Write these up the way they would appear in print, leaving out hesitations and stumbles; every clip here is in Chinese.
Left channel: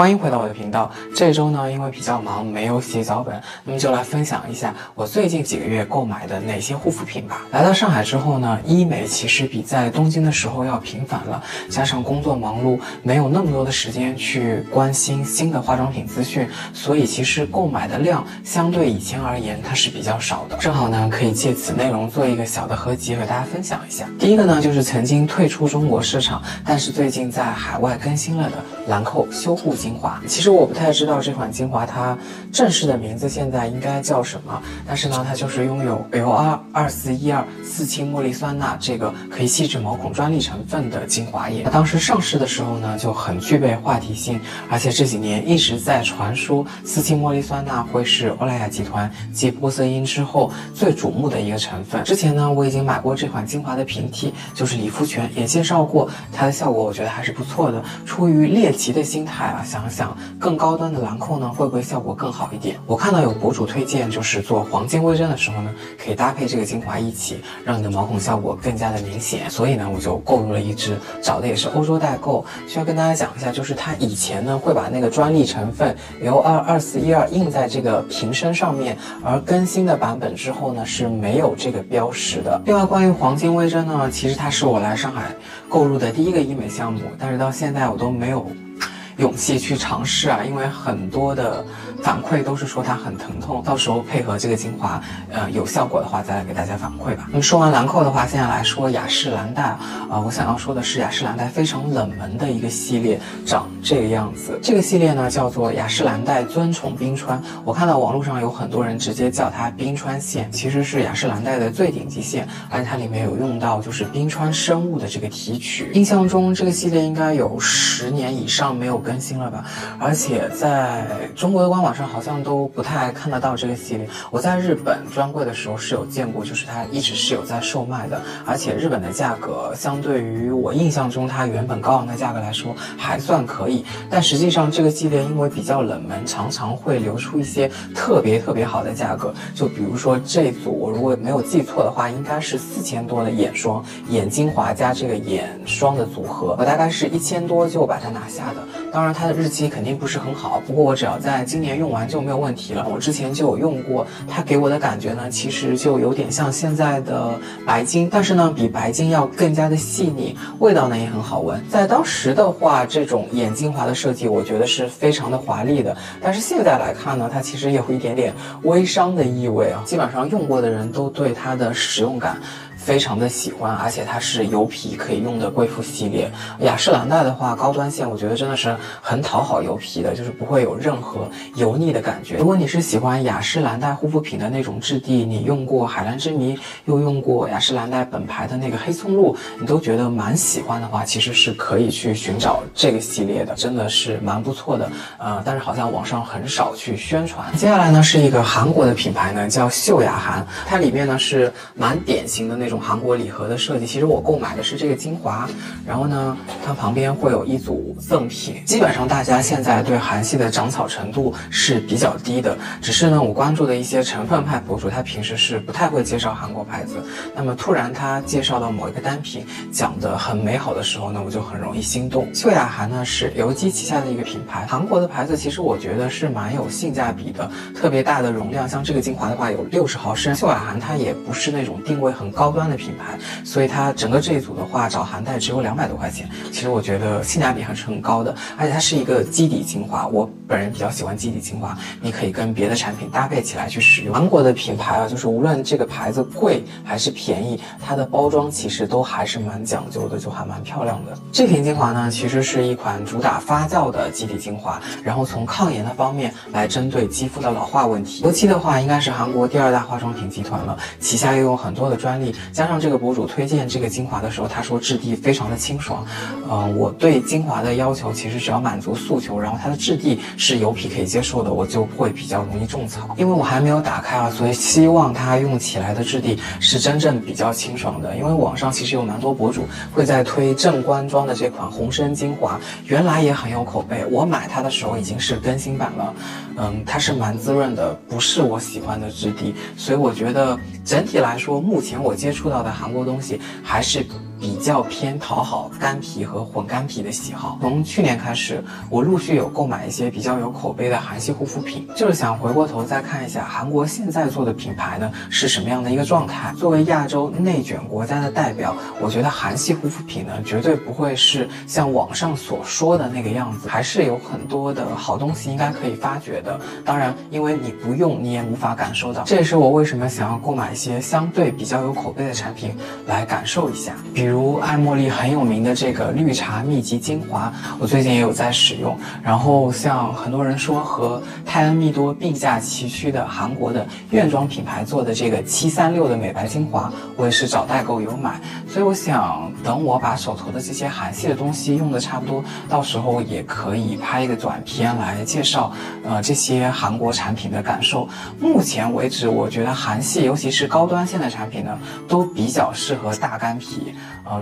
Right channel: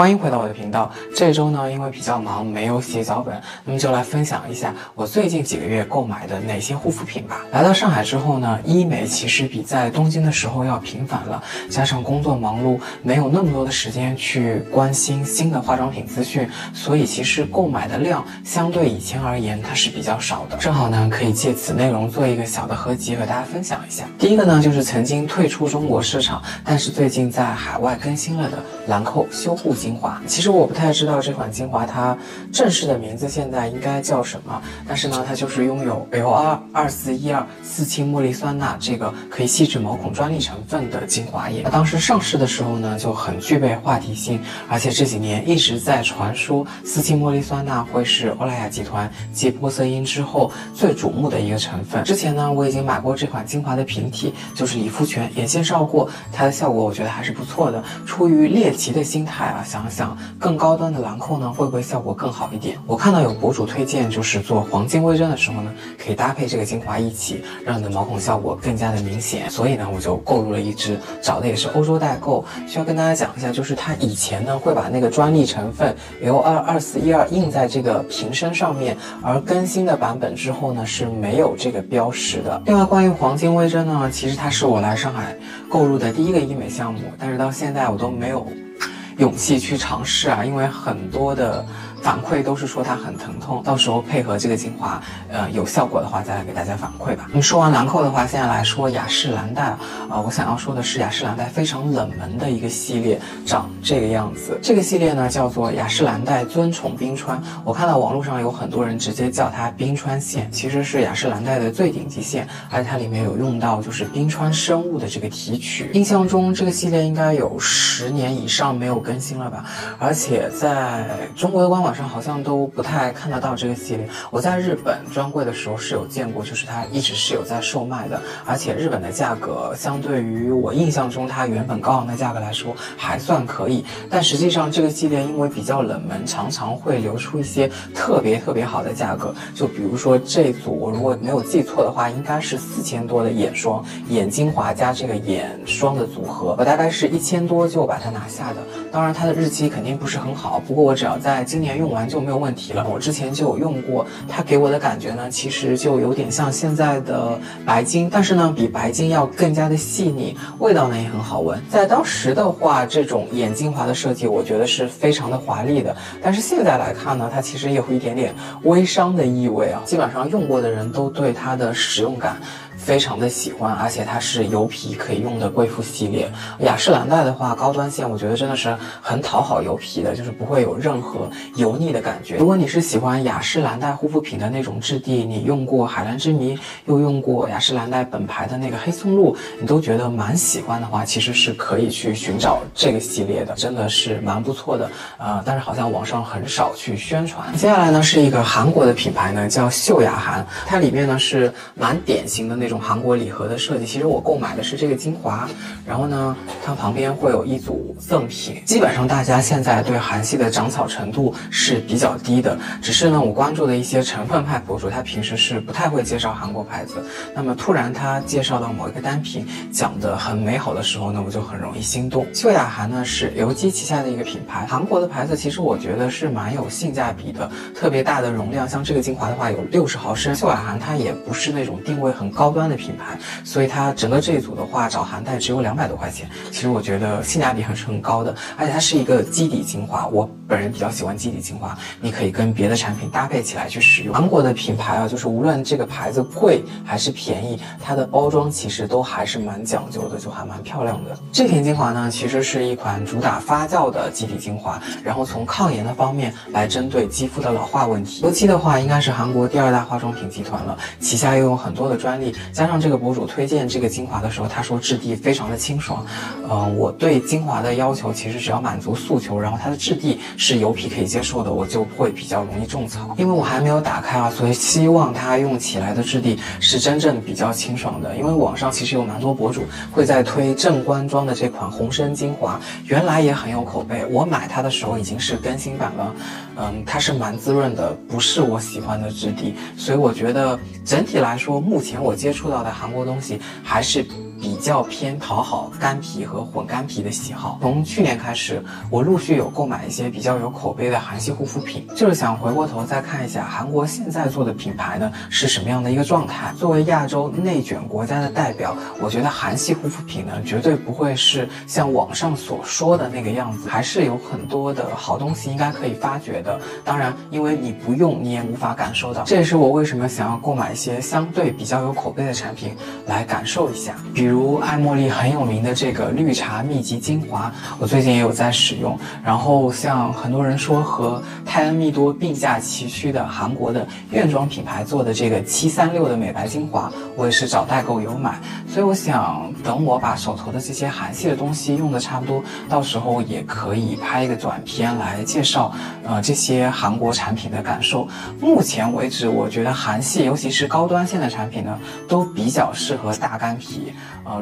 欢迎回到我的频道。这周呢，因为比较忙，没有写脚本，那么就来分享一下我最近几个月购买的哪些护肤品吧。来到上海之后呢，医美其实比在东京的时候要频繁了，加上工作忙碌，没有那么多的时间去关心新的化妆品资讯，所以其实购买的量相对以前而言它是比较少的。正好呢，可以借此内容做一个小的合集和大家分享一下。第一个呢，就是曾经退出中国市场，但是最近在海外更新了的兰蔻修护精华。其实我不太知道这款精华它正式的名字现在应该叫什么，但是呢，它就是拥有 L22412四氢茉莉酸钠这个可以细致毛孔专利成分的精华液。当时上市的时候呢，就很具备话题性，而且这几年一直在传说四氢茉莉酸钠会是欧莱雅集团继玻色因之后最瞩目的一个成分。之前呢，我已经买过这款精华的瓶体，就是理肤泉，也介绍过它的效果，我觉得还是不错的。出于猎奇的心态啊，想想更高端的兰蔻呢，会不会效果更好一点？我看到有博主推荐，就是做黄金微针的时候呢，可以搭配这个精华一起，让你的毛孔效果更加的明显。所以呢，我就购入了一支，找的也是欧洲代购。需要跟大家讲一下，就是它以前呢会把那个专利成分 L22412印在这个瓶身上面，而更新的版本之后呢是没有这个标识的。另外，关于黄金微针呢，其实它是我来上海购入的第一个医美项目，但是到现在我都没有勇气去尝试啊，因为很多的反馈都是说它很疼痛，到时候配合这个精华，有效果的话再来给大家反馈吧。那么说完兰蔻的话，现在来说雅诗兰黛我想要说的是雅诗兰黛非常冷门的一个系列，长这个样子。这个系列呢叫做雅诗兰黛尊宠冰川，我看到网络上有很多人直接叫它冰川线，其实是雅诗兰黛的最顶级线，而且它里面有用到就是冰川生物的这个提取。印象中这个系列应该有10年以上没有更新了吧，而且在中国的官网上好像都不太看得到这个系列。我在日本专柜的时候是有见过，就是它一直是有在售卖的，而且日本的价格相对于我印象中它原本高昂的价格来说还算可以。但实际上这个系列因为比较冷门，常常会流出一些特别好的价格。就比如说这组我如果没有记错的话，应该是4000多的眼霜，眼精华加这个眼霜的组合，我大概是1000多就把它拿下的。当然它的日期肯定不是很好，不过我只要在今年用完就没有问题了。我之前就有用过，它给我的感觉呢，其实就有点像现在的白金，但是呢比白金要更加的细腻，味道呢也很好闻。在当时的话，这种眼精华的设计我觉得是非常的华丽的，但是现在来看呢，它其实有一点点微商的意味啊。基本上用过的人都对它的使用感非常的喜欢，而且它是油皮可以用的贵妇系列。雅诗兰黛的话，高端线我觉得真的是很讨好油皮的，就是不会有任何油腻的感觉。如果你是喜欢雅诗兰黛护肤品的那种质地，你用过海蓝之谜，又用过雅诗兰黛本牌的那个黑松露，你都觉得蛮喜欢的话，其实是可以去寻找这个系列的，真的是蛮不错的。但是好像网上很少去宣传。接下来呢是一个韩国的品牌呢，叫秀雅韩，它里面呢是蛮典型的那种韩国礼盒的设计。其实我购买的是这个精华，然后呢它旁边会有一组赠品。基本上大家现在对韩系的长草程度是比较低的，只是呢我关注的一些成分派博主，他平时是不太会介绍韩国牌子，那么突然他介绍到某一个单品讲得很美好的时候呢，我就很容易心动。秀雅韩呢是刘基旗下的一个品牌，韩国的牌子其实我觉得是蛮有性价比的，特别大的容量，像这个精华的话有60毫升。秀雅韩它也不是那种定位很高端的品牌，所以它整个这一组的话找韩代只有200多块钱，其实我觉得性价比还是很高的。而且它是一个基底精华，我本人比较喜欢基底精华，你可以跟别的产品搭配起来去使用。韩国的品牌啊，就是无论这个牌子贵还是便宜，它的包装其实都还是蛮讲究的，就还蛮漂亮的。这瓶精华呢，其实是一款主打发酵的基底精华，然后从抗炎的方面来针对肌肤的老化问题。刘基的话应该是韩国第2大化妆品集团了，旗下又有很多的专利，加上这个博主推荐这个精华的时候，他说质地非常的清爽。我对精华的要求其实只要满足诉求，然后它的质地是油皮可以接受的，我就会比较容易种草。因为我还没有打开啊，所以希望它用起来的质地是真正比较清爽的。因为网上其实有蛮多博主会在推正官庄的这款红参精华，原来也很有口碑，我买它的时候已经是更新版了。它是蛮滋润的，不是我喜欢的质地，所以我觉得整体来说，目前我接触到的韩国东西还是比较偏讨好干皮和混干皮的喜好。从去年开始，我陆续有购买一些比较有口碑的韩系护肤品，就是想回过头再看一下韩国现在做的品牌呢是什么样的一个状态。作为亚洲内卷国家的代表，我觉得韩系护肤品呢绝对不会是像网上所说的那个样子，还是有很多的好东西应该可以发掘的。当然，因为你不用，你也无法感受到。这也是我为什么想要购买一些相对比较有口碑的产品来感受一下。比如爱茉莉很有名的这个绿茶秘籍精华，我最近也有在使用。然后像很多人说和泰恩蜜多并驾齐驱的韩国的院妆品牌做的这个736的美白精华，我也是找代购有买。所以我想等我把手头的这些韩系的东西用的差不多，到时候也可以拍一个短片来介绍这些韩国产品的感受。目前为止，我觉得韩系尤其是高端线的产品呢，都比较适合大干皮。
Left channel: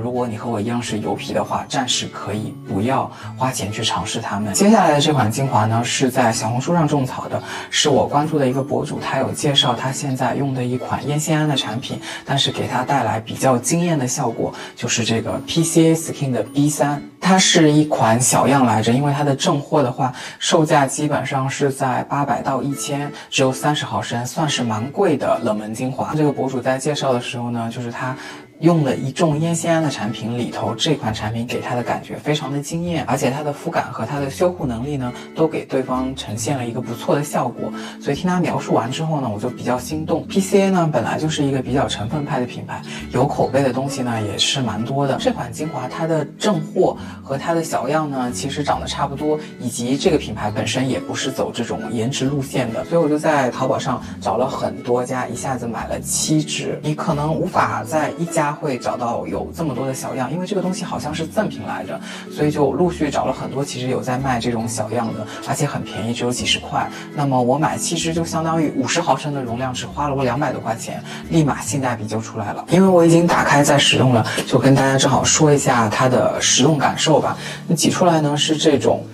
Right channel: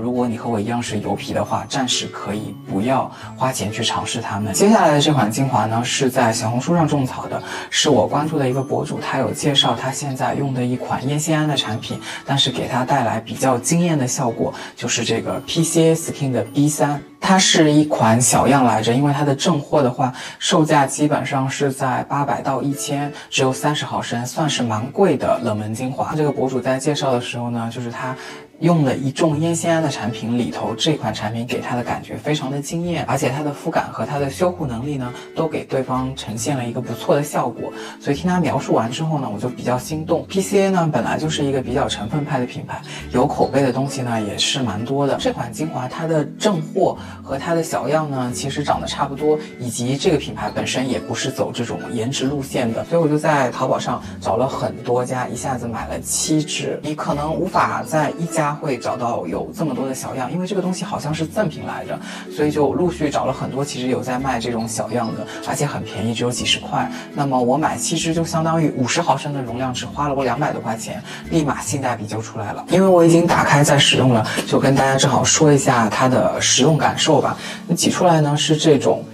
如果你和我一样是油皮的话，暂时可以不要花钱去尝试它们。接下来的这款精华呢，是在小红书上种草的，是我关注的一个博主，他有介绍他现在用的一款烟酰胺的产品，但是给他带来比较惊艳的效果，就是这个 PCA Skin 的 B3。它是一款小样来着，因为它的正货的话，售价基本上是在800到1000，只有30毫升，算是蛮贵的冷门精华。这个博主在介绍的时候呢，就是他用了一众烟酰胺的产品里头，这款产品给他的感觉非常的惊艳，而且它的肤感和它的修护能力呢，都给对方呈现了一个不错的效果。所以听他描述完之后呢，我就比较心动。PCA 呢本来就是一个比较成分派的品牌，有口碑的东西呢也是蛮多的。这款精华它的正货和它的小样呢，其实长得差不多，以及这个品牌本身也不是走这种颜值路线的，所以我就在淘宝上找了很多家，一下子买了7支。你可能无法在一家会找到有这么多的小样，因为这个东西好像是赠品来着，所以就陆续找了很多，其实有在卖这种小样的，而且很便宜，只有几十块。那么我买7支就相当于50毫升的容量，只花了我200多块钱，立马性价比就出来了。因为我已经打开在使用了，就跟大家正好说一下它的使用感受吧。你挤出来呢是这种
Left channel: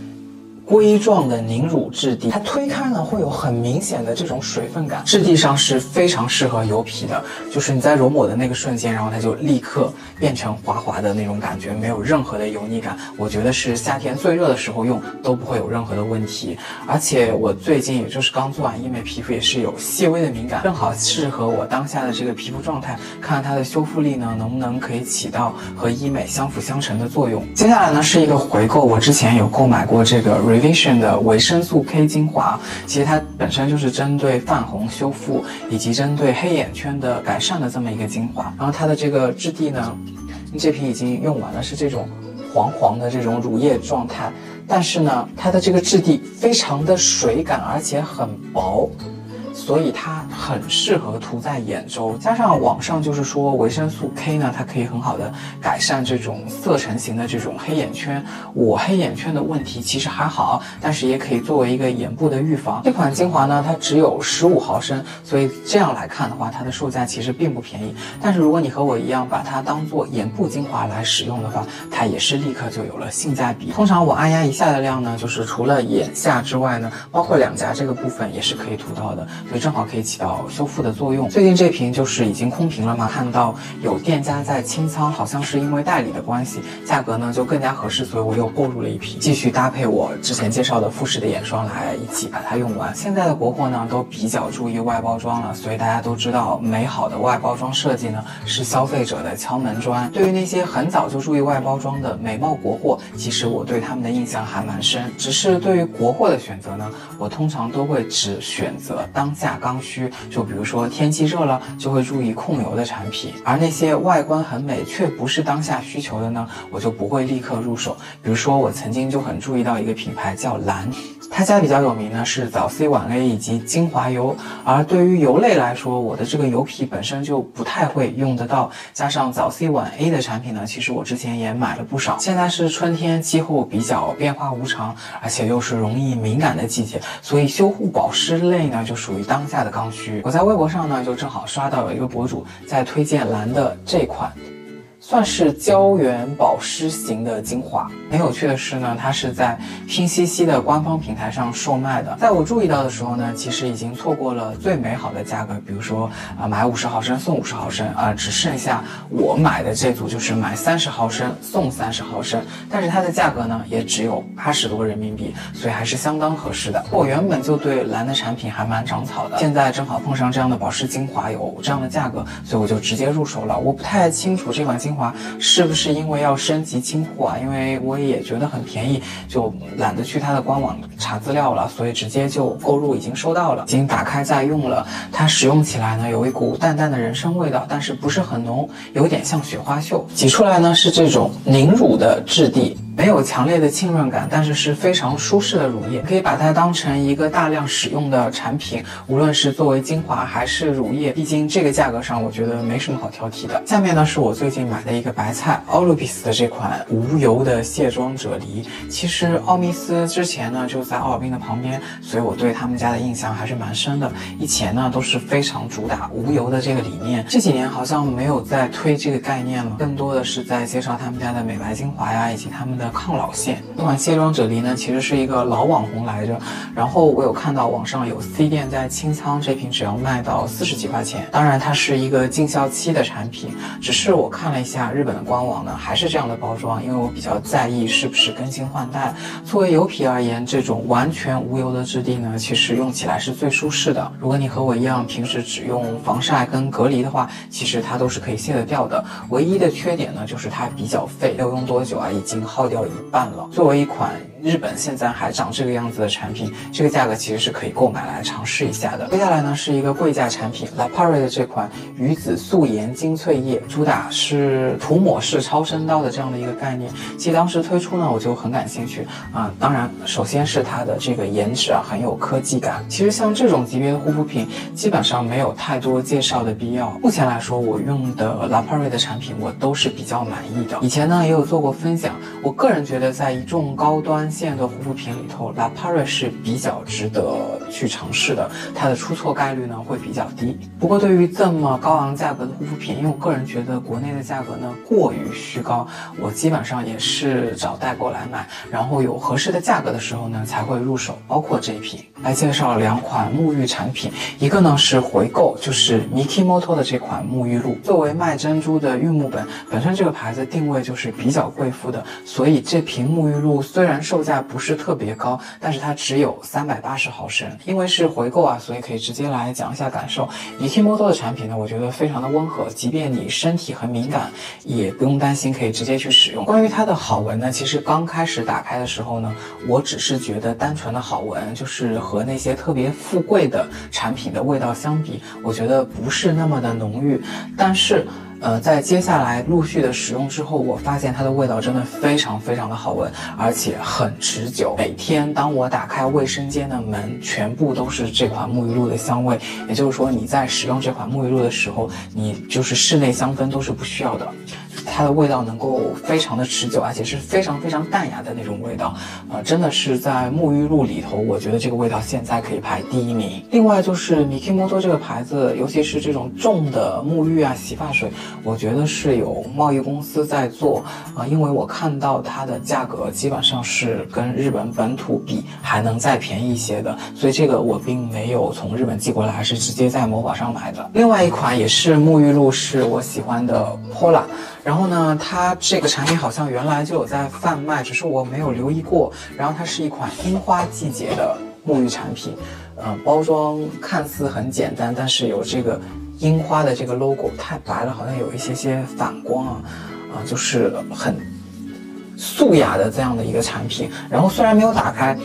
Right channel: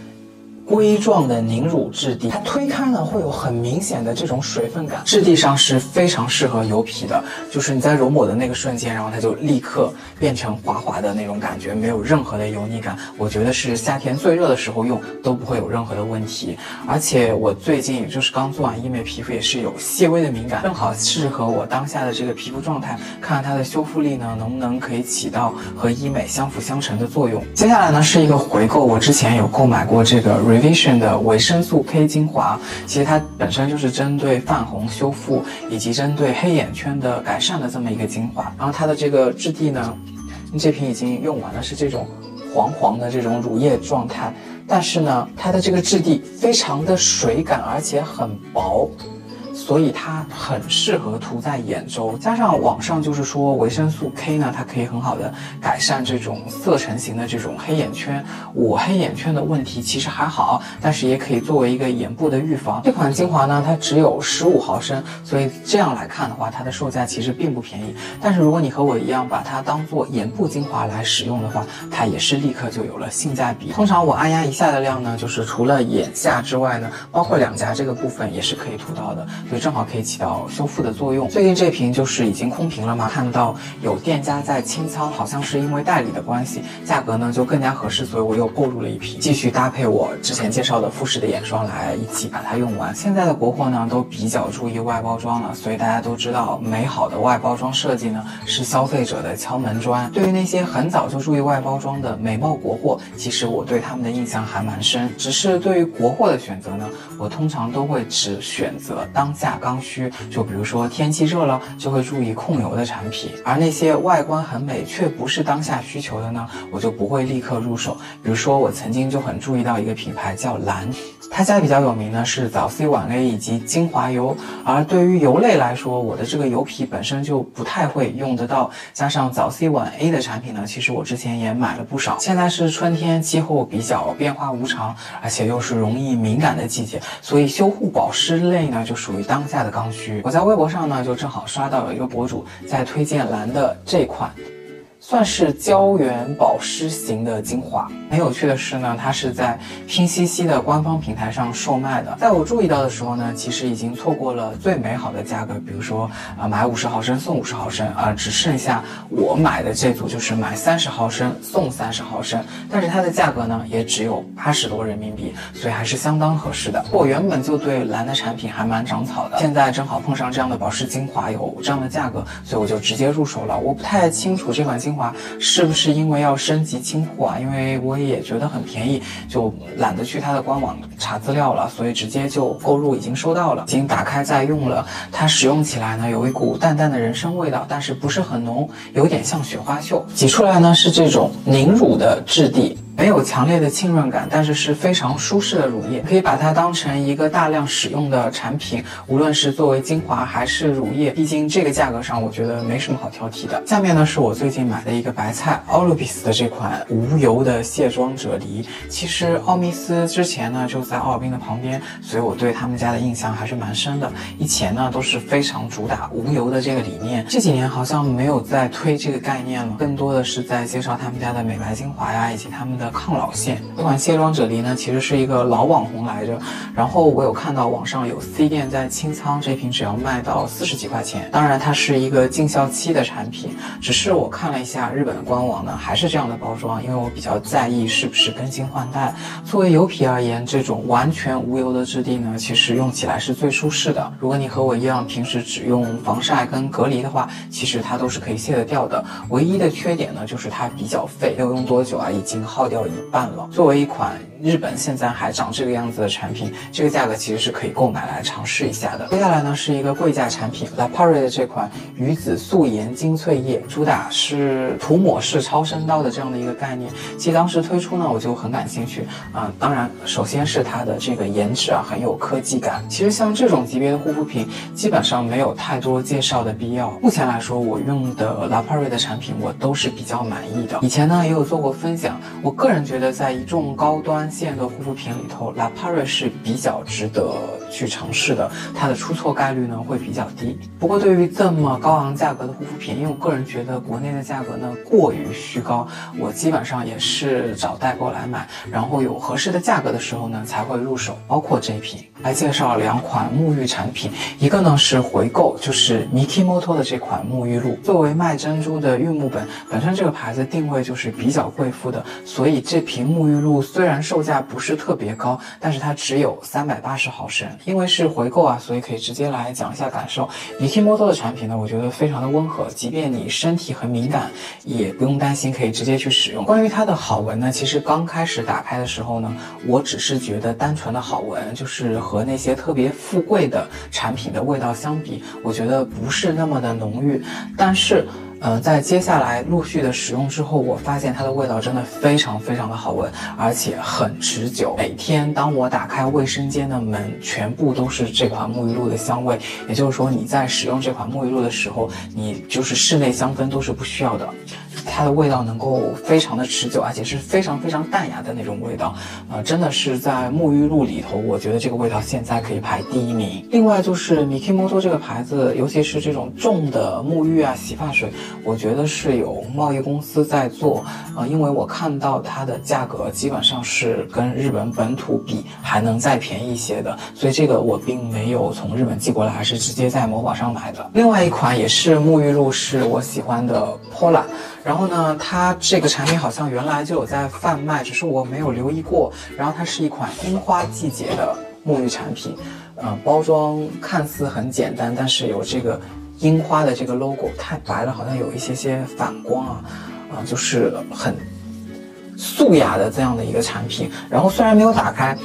硅状的凝乳质地，它推开呢会有很明显的这种水分感，质地上是非常适合油皮的，就是你在揉抹的那个瞬间，然后它就立刻变成滑滑的那种感觉，没有任何的油腻感。我觉得是夏天最热的时候用都不会有任何的问题。而且我最近也就是刚做完医美，皮肤也是有细微的敏感，正好适合我当下的这个皮肤状态，看看它的修复力呢能不能可以起到和医美相辅相成的作用。接下来呢是一个回购，我之前有购买过这个Revision 的维生素 K 精华，其实它本身就是针对泛红修复以及针对黑眼圈的改善的这么一个精华。然后它的这个质地呢，这瓶已经用完了，是这种黄黄的这种乳液状态，但是呢，它的这个质地非常的水感，而且很薄。所以它很适合涂在眼周，加上网上就是说维生素 K 呢，它可以很好的改善这种色沉型的这种黑眼圈。我黑眼圈的问题其实还好，但是也可以作为一个眼部的预防。这款精华呢，它只有15毫升，所以这样来看的话，它的售价其实并不便宜。但是如果你和我一样把它当做眼部精华来使用的话，它也是立刻就有了性价比。通常我按压一下的量呢，就是除了眼下之外呢，包括两颊这个部分也是可以涂到的。所以正好可以起到修复的作用。最近这瓶就是已经空瓶了嘛，看到有店家在清仓，好像是因为代理的关系，价格呢就更加合适，所以我又购入了一瓶，继续搭配我之前介绍的富士的眼霜来一起把它用完。现在的国货呢都比较注意外包装了，所以大家都知道美好的外包装设计呢是消费者的敲门砖。对于那些很早就注意外包装的美貌国货，其实我对他们的印象还蛮深，只是对于国货的选择呢，我通常都会只选择当下刚需，就比如说天气热了就会注意控油的产品，而那些外观很美却不是当下需求的呢，我就不会立刻入手。比如说我曾经就很注意到一个品牌叫蓝，他家比较有名呢是早 C 晚 A 以及精华油，而对于油类来说，我的这个油皮本身就不太会用得到，加上早 C 晚 A 的产品呢，其实我之前也买了不少。现在是春天，气候比较变化无常，而且又是容易敏感的季节，所以修护保湿类呢就属于当下的刚需。我在微博上呢就正好刷到有一个博主在推荐蓝的这款算是胶原保湿型的精华。很有趣的是呢，它是在拼夕夕的官方平台上售卖的。在我注意到的时候呢，其实已经错过了最美好的价格，比如说买50毫升送50毫升，只剩下我买的这组就是买30毫升送30毫升，但是它的价格呢也只有80多人民币，所以还是相当合适的。我原本就对蓝的产品还蛮长草的，现在正好碰上这样的保湿精华有这样的价格，所以我就直接入手了。我不太清楚这款精华是不是因为要升级清货因为我也觉得很便宜，就懒得去它的官网查资料了，所以直接就购入，已经收到了，已经打开在用了。它使用起来呢有一股淡淡的人参味道，但是不是很浓，有点像雪花秀。挤出来呢是这种凝乳的质地，没有强烈的浸润感，但是是非常舒适的乳液，可以把它当成一个大量使用的产品，无论是作为精华还是乳液，毕竟这个价格上我觉得没什么好挑剔的。下面呢是我最近买的一个白菜 Ollibis 的这款无油的卸妆啫喱。其实奥密斯之前呢就在奥尔滨的旁边，所以我对他们家的印象还是蛮深的。以前呢都是非常主打无油的这个理念，这几年好像没有再推这个概念了，更多的是在介绍他们家的美白精华呀，以及他们的抗老线。这款卸妆啫喱呢其实是一个老网红来着，然后我有看到网上有 C 店在清仓，这瓶只要卖到40几块钱。当然它是一个禁效期的产品，只是我看了一下日本的官网呢还是这样的包装，因为我比较在意是不是更新换代。作为油皮而言，这种完全无油的质地呢其实用起来是最舒适的。如果你和我一样平时只用防晒跟隔离的话，其实它都是可以卸得掉的。唯一的缺点呢就是它比较费，没有用多久已经耗掉一半了。作为一款日本现在还长这个样子的产品，这个价格其实是可以购买来尝试一下的。接下来呢是一个贵价产品 La Prairie 的这款鱼子素颜精粹液，主打是涂抹式超声刀的这样的一个概念。其实当时推出呢我就很感兴趣当然首先是它的这个颜值很有科技感。其实像这种级别的护肤品基本上没有太多介绍的必要。目前来说我用的 La Prairie 的产品我都是比较满意的。以前呢也有做过分享，我个人觉得在一众高端线的护肤品里头 La Prairie 是比较值得去尝试的，它的出错概率呢会比较低。不过对于这么高昂价格的护肤品，因为我个人觉得国内的价格呢过于虚高，我基本上也是找代购来买，然后有合适的价格的时候呢才会入手。包括这一瓶来介绍2款沐浴产品，一个呢是回购，就是 Mikimoto 的这款沐浴露。作为卖珍珠的玉木本身这个牌子定位就是比较贵妇的，所以这瓶沐浴露虽然售价不是特别高，但是它只有380毫升。因为是回购所以可以直接来讲一下感受。Mikimoto 的产品呢我觉得非常的温和，即便你身体很敏感也不用担心，可以直接去使用。关于它的好闻呢，其实刚开始打开的时候呢，我只是觉得单纯的好闻，就是和那些特别富贵的产品的味道相比，我觉得不是那么的浓郁。但是在接下来陆续的使用之后，我发现它的味道真的非常非常的好闻，而且很持久。每天当我打开卫生间的门，全部都是这款沐浴露的香味。也就是说，你在使用这款沐浴露的时候，你就是室内香氛都是不需要的，它的味道能够非常的持久，而且是非常非常淡雅的那种味道。真的是在沐浴露里头，我觉得这个味道现在可以排第1名。另外就是 Mikimoto 这个牌子，尤其是这种重的沐浴洗发水，我觉得是有贸易公司在做因为我看到它的价格基本上是跟日本本土比还能再便宜一些的，所以这个我并没有从日本寄过来，是直接在某宝上买的。另外一款也是沐浴露，是我喜欢的 Pola， 然后呢它这个产品好像原来就有在贩卖，只是我没有留意过。然后它是一款樱花季节的沐浴产品，包装看似很简单，但是有这个樱花的这个 logo， 太白了，好像有一些反光就是很素雅的这样的一个产品。然后虽然没有打开，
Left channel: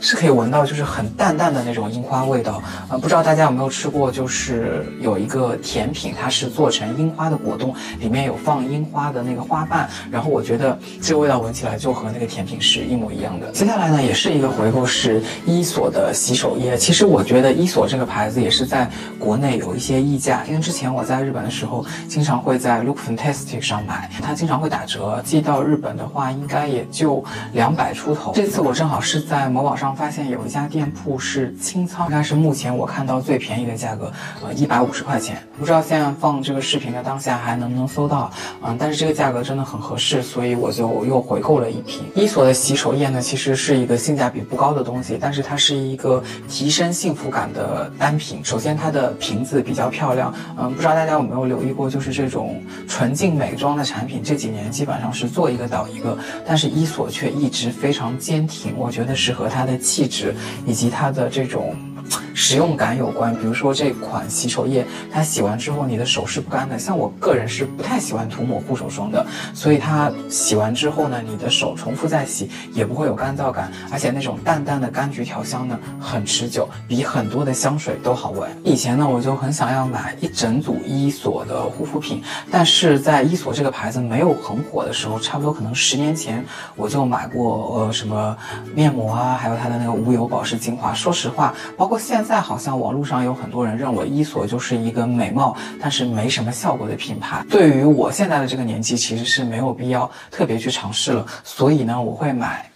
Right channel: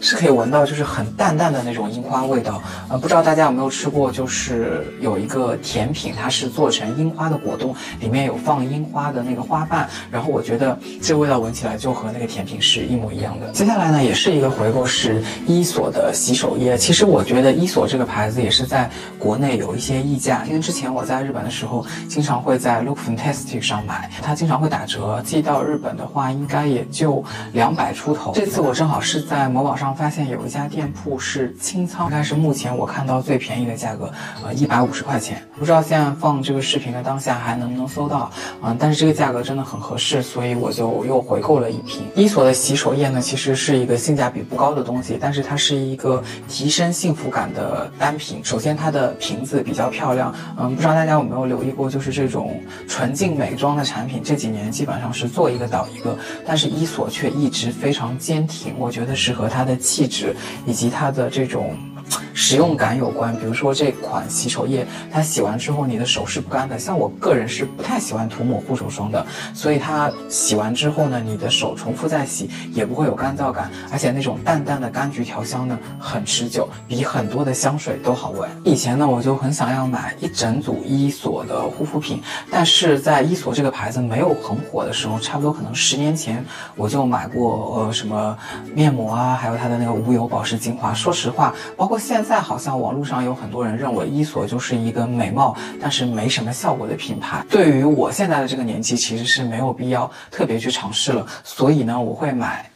是可以闻到就是很淡淡的那种樱花味道。不知道大家有没有吃过，就是有一个甜品，它是做成樱花的果冻，里面有放樱花的那个花瓣，然后我觉得这个味道闻起来就和那个甜品是一模一样的。接下来呢也是一个回购，是伊索的洗手液。其实我觉得伊索这个牌子也是在国内有一些溢价，因为之前我在日本的时候经常会在 Look Fantastic 上买，它经常会打折，寄到日本的话应该也就200出头。这次我正好是在某宝上上发现有一家店铺是清仓，应该是目前我看到最便宜的价格，150块钱。不知道现在放这个视频的当下还能不能搜到，但是这个价格真的很合适，所以我就又回购了一瓶。伊索的洗手液呢，其实是一个性价比不高的东西，但是它是一个提升幸福感的单品。首先它的瓶子比较漂亮，不知道大家有没有留意过，就是这种纯净美妆的产品这几年基本上是做一个倒一个，但是伊索却一直非常坚挺，我觉得是和它的气质以及它的这种使用感有关。比如说这款洗手液，它洗完之后你的手是不干的，像我个人是不太喜欢涂抹护手霜的，所以它洗完之后呢，你的手重复再洗也不会有干燥感，而且那种淡淡的柑橘调香呢很持久，比很多的香水都好闻。以前呢我就很想要买一整组伊索的护肤品，但是在伊索这个牌子没有很火的时候，差不多可能10年前我就买过什么面膜啊，还有它的那个无油保湿精华。说实话，包括现在好像网络上有很多人认为伊索就是一个美貌但是没什么效果的品牌，对于我现在的这个年纪其实是没有必要特别去尝试了，所以呢我会买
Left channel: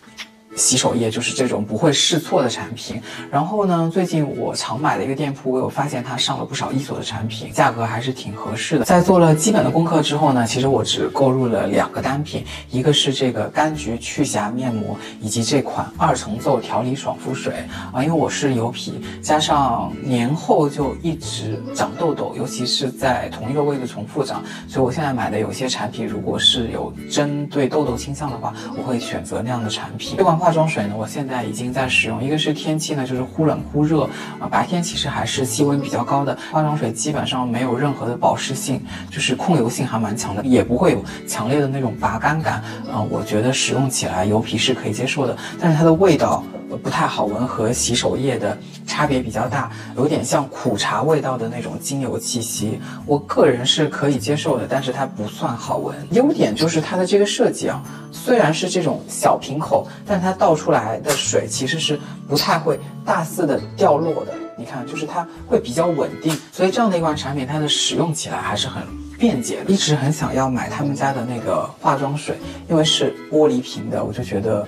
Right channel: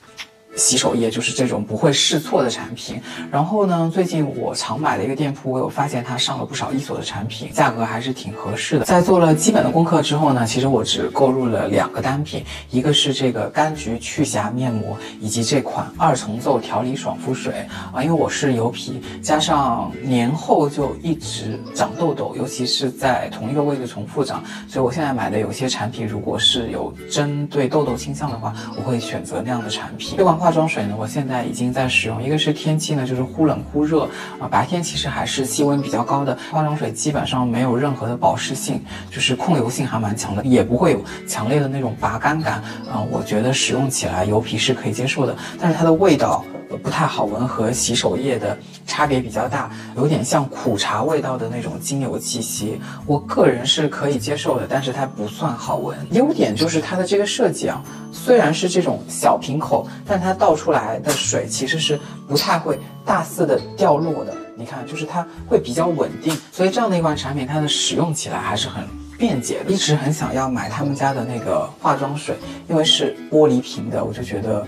洗手液，就是这种不会试错的产品。然后呢，最近我常买的一个店铺，我有发现它上了不少伊索的产品，价格还是挺合适的。在做了基本的功课之后呢，其实我只购入了2个单品，一个是这个柑橘去瑕面膜，以及这款2重奏调理爽肤水因为我是油皮，加上年后就一直长痘痘，尤其是在同一个位置重复长，所以我现在买的有些产品，如果是有针对痘痘倾向的话，我会选择那样的产品。这款化妆水呢，我现在已经在使用，一个是天气呢就是忽冷忽热白天其实还是气温比较高的，化妆水基本上没有任何的保湿性，就是控油性还蛮强的，也不会有强烈的那种拔干感我觉得使用起来油皮是可以接受的，但是它的味道不太好闻，和洗手液的差别比较大，有点像苦茶味道的那种精油气息，我个人是可以接受的，但是它不算好闻。优点就是它的这个设计虽然是这种小瓶口，但它倒出来的水其实是不太会大肆的掉落的，你看就是它会比较稳定，所以这样的一款产品它的使用起来还是很便捷的。一直很想要买他们家的那个化妆水，因为是玻璃瓶的，我就觉得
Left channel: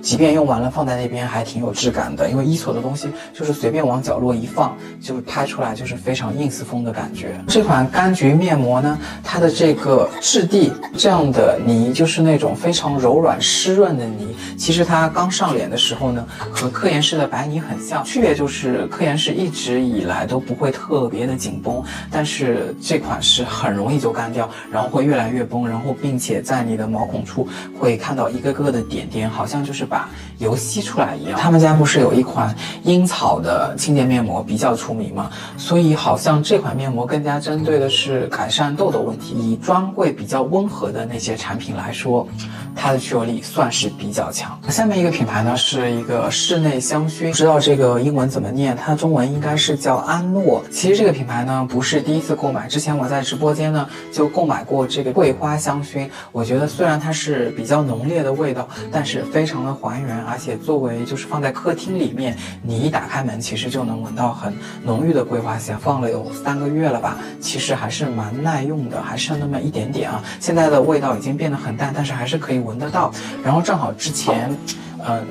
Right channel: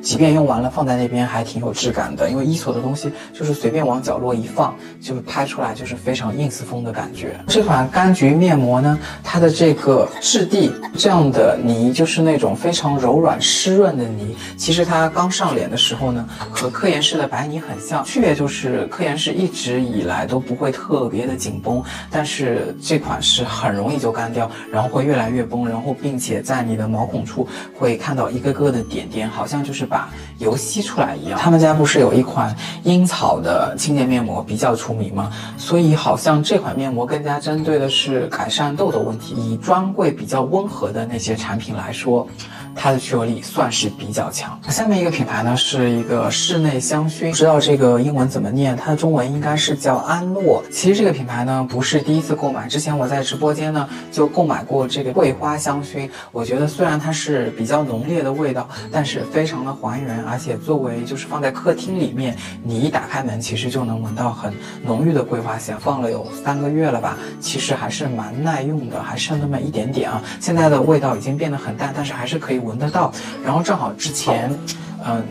即便用完了放在那边还挺有质感的，因为伊索的东西就是随便往角落一放，就会拍出来就是非常 ins 风的感觉。这款柑橘面膜呢，它的这个质地这样的泥就是那种非常柔软湿润的泥，其实它刚上脸的时候呢，和科颜氏的白泥很像，区别就是科颜氏一直以来都不会特别的紧绷，但是这款是很容易就干掉，然后会越来越崩，然后并且在你的毛孔处会看到一个个的点点，好像就是把油吸出来一样。他们家不是有一款樱草的清洁面膜比较出名吗？所以好像这款面膜更加针对的是改善痘痘问题。以专柜比较温和的那些产品来说，它的去油力算是比较强。下面一个品牌呢是一个室内香薰，不知道这个英文怎么念，它的中文应该是叫安诺。其实这个品牌呢不是第一次购买，之前我在直播间呢就购买过这个桂花香薰，我觉得虽然它是比较浓烈的味道，但是非常的还原，而且作为就是放在客厅里面，你一打开门其实就能闻到很浓郁的桂花香，放了有3个月了吧，其实还是蛮耐用的，还剩那么一点点现在的味道已经变得很淡，但是还是可以闻得到。然后正好之前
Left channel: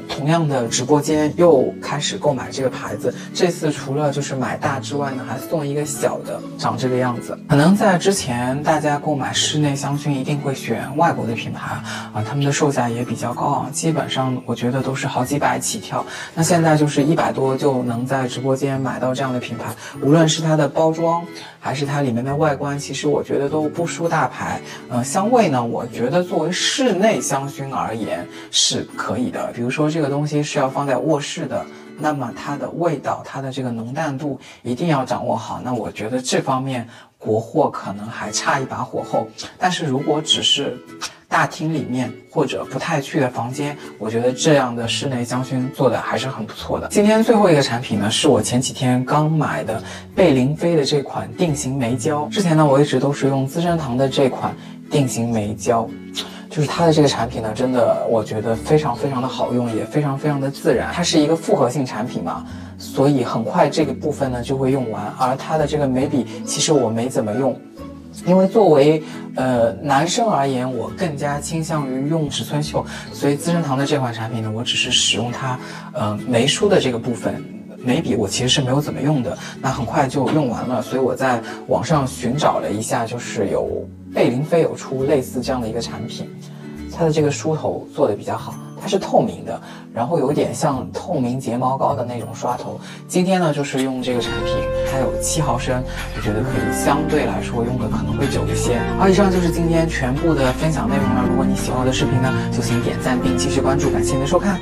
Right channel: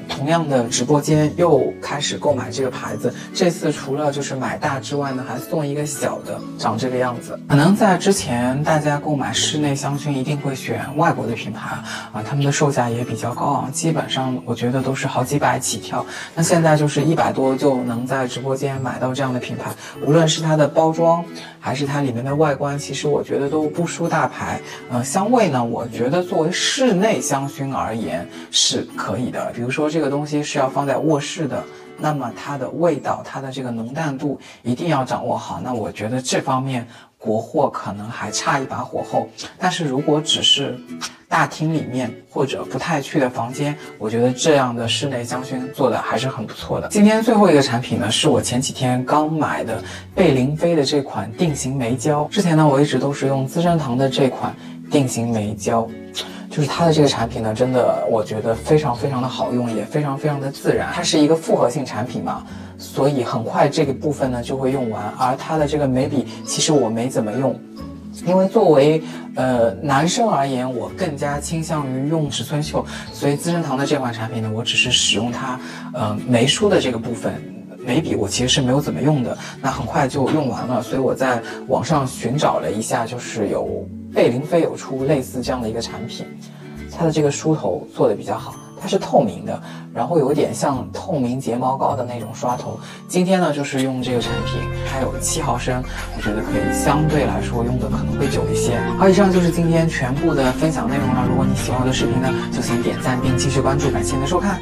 同样的直播间又开始购买这个牌子，这次除了就是买大之外呢，还送一个小的，长这个样子。可能在之前大家购买室内香薰一定会选外国的品牌他们的售价也比较高基本上我觉得都是好几百起跳。那现在就是100多就能在直播间买到这样的品牌，无论是它的包装还是它里面的外观，其实我觉得都不输大牌。香味呢，我觉得作为室内香薰而言是可以的。比如说这个东西是要放在卧室的，那么它的味道，它的这个浓淡度一定要掌握好。那我觉得这方面国货可能还差一把火候，但是如果只是大厅里面或者不太去的房间，我觉得这样的室内香薰做的还是很不错的。今天最后一个产品呢，是我前几天刚买的贝玲妃的这款定型眉胶。之前呢，我一直都是用资生堂的这款定型眉胶，就是它的这个产品呢，真的我觉得非常非常的好用，也非常非常的自然。它是一个复合性产品嘛，所以很快这个部分呢就会用完。而它的这个眉笔其实我没怎么用，因为作为男生而言，我更加倾向于用尺寸袖，所以资生堂的这款产品呢，我只是使用它眉梳的这个部分。眉笔我其实是没有怎么用的，那很快就用完了，所以我在网上寻找了一下，就是有贝玲妃有出类似这样的一个产品，它的这个梳头做的比较好，它是透明的，然后有点像透明睫毛膏的那种刷头。今天呢就是用这个产品，它有7毫升，我觉得可以相对来说用的可能会久一些。好，以上就是今天全部的分享内容了。如果你喜欢我的视频呢，就请点赞并继续关注，感谢您的收看。